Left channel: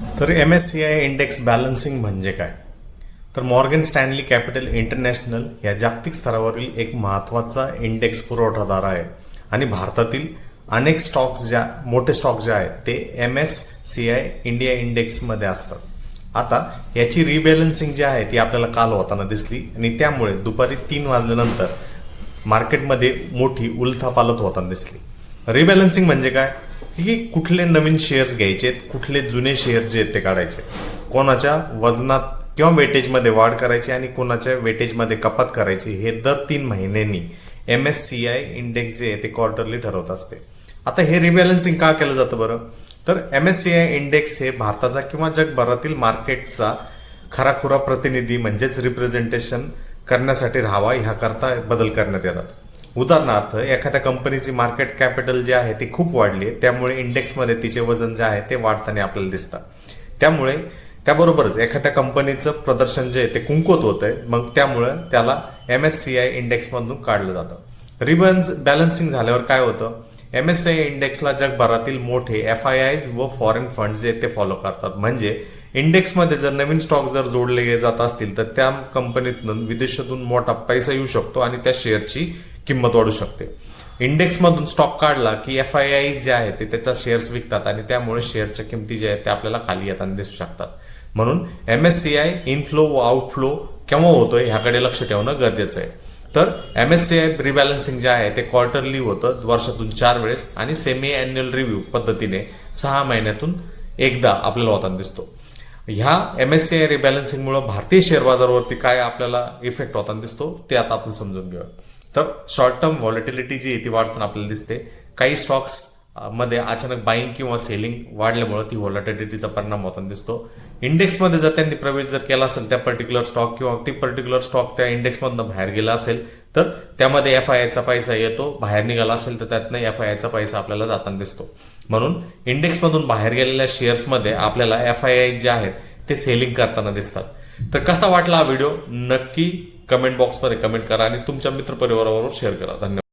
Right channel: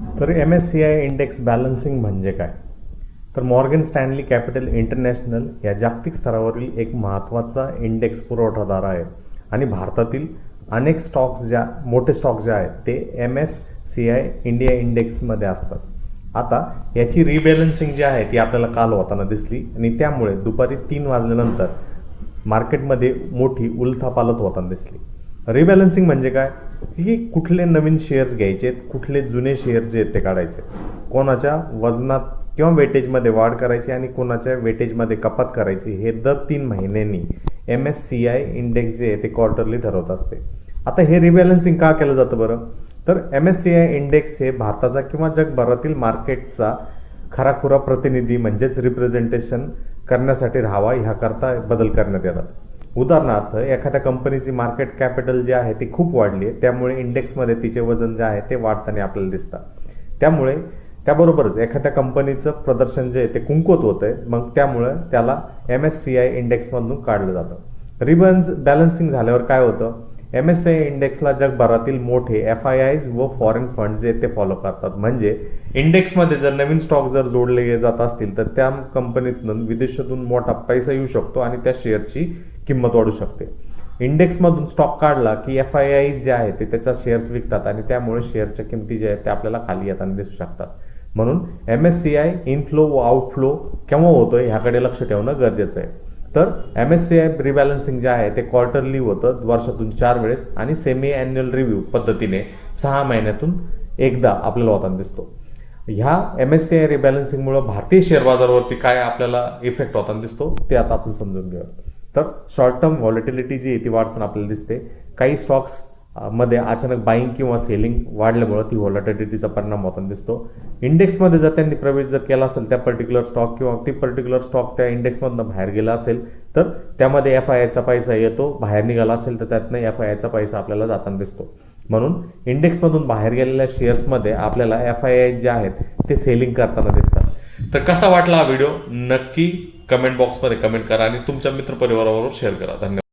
तर MSCI index balancing म्हणजे काय? तर मॉर्गन स्टॅनली कॅपिटल इंटरनॅशनल या जागतिक स्तरावरील एक महत्त्वाचा इंडेक्स पुरवठादार आहे आणि भारतातील अनेक स्टॉक्स मोठे स्टॉक्स जे आहेत ते MSCI इंडिया इंडेक्समध्ये असतात. आता याची रिबॅलन्सिंग जी आहे ती आपल्याला काल होताना दिसली आणि त्यामुळे दुपारी 3 वाजल्यानंतर मार्केटमध्ये मोठी उलथापालथ होताना दिसली. रिबॅलन्सिंग म्हणजे काय की कुठले नवीन शेअर्स घ्यायचे, कुठले जुने शेअर जे आहेत ते काढायचे, कोणाच्या वजनात किंवा वेटेजमध्ये वाढ करायची आणि कोणाच्या वेटेजमध्ये कपात करायची, हे दर 3 महिन्यांनी MSCI इंडेक्स जे आहे ते क्वार्टरली ठरवत असते. आता हे रिबॅलन्सिंग का केलं जातं बरं? तर MSCI इंडेक्स हे भारताचा किंवा जगभरातील मार्केटचा खराखुरा प्रतिनिधी म्हणजेच रिप्रेझेंटेशन करण्यासाठी राहावा, ह्याकरता बदल करण्यात येतात. उदाहरणार्थ, एखाद्या कंपनीची मार्केट कॅपिटल जे आहे ती खूप वाढली आहे, त्यामुळे इंडेक्समध्ये तिचे वजन जे आहे ते वाढताना आपल्याला दिसतं. त्यामुळे त्याबरोबरच एखाद्या कंपनीचं प्रदर्शन जे आहे ते कुंकवत होतंय, मग त्यामुळे त्याला MSCI इंडेक्समधून काढलं जातं. बॅलन्सिंग झाल्यावर काय होतं? MSCI इंडेक्सला जगभरातील मोठे FIIs व फॉरेन फंड जे ते फॉलो करतात. म्हणजे इंडेक्समध्ये जर नवीन स्टॉक जर जोडले जात असतील तर त्या कंपनीतून विदेशातून मोठा पैसा येऊ शकतो आणि त्या शेअरची किंमत वाढू शकते. इंडेक्समधून स्टॉक काढला की FIIs जे आहे ते त्याचा शेअर्स विकतात आणि त्यामुळे शेअरच्या किमती जे आहेत ते आपल्याला खाली येताना दिसू शकतात. म्हणून MSCI इनफ्लो व आउटफ्लो केव्हा होतोय ह्याकडे लक्ष ठेवणं गरजेचं आहे. तर MSCI रिबॅलन्सिंग जे आहे ते क्वार्टरली होतं, वर्षातून 4 वेळेस, आणि सेमी ॲन्युअल रिव्ह्यू पद्धतीने 6 महिन्यातून एकदा आपल्याला होताना दिसतो. ह्या MSCI रिबॅलन्सिंगमुळे भारतीय शेअर बाजारावरती काय आपल्याला इफेक्ट होताना दिसतो ते आता आपण समजून घेऊया. तर शॉर्ट टर्म व्हॉलेटिलिटी जी आहे ती वाढताना आपल्याला दिसते. काही स्टॉक्स मध्ये अचानक बाईंग किंवा सेलिंग वाढल्यामुळे ती व्हॉलेटिलिटीचा परिणाम होताना दिसतो. इंडेक्समध्ये जर त्यांनी प्रवेश जर केला असेल त्या पर्टिक्युलर स्टॉक किंवा ती पर्टिक्युलर स्टॉक त्या इंडेक्समधनं बाहेर गेला असेल तर त्यामध्ये FIIचा पैसा येतो, बाहेर निघाला असेल तर त्यातनं FIIचा पैसा आपल्याला जाताना दिसतो. म्हणून इंडेक्समधून बाहेर गेलेल्या शेअर्समध्ये आपल्याला FII जे आहेत ते सेलिंग करताना दिसतात. तर कसा वाटला हा व्हिडिओ नक्की कमेंट बॉक्समध्ये कमेंट करा आणि तुमच्या मित्रपरिवाराबरोबर शेअर करा. धन्यवाद.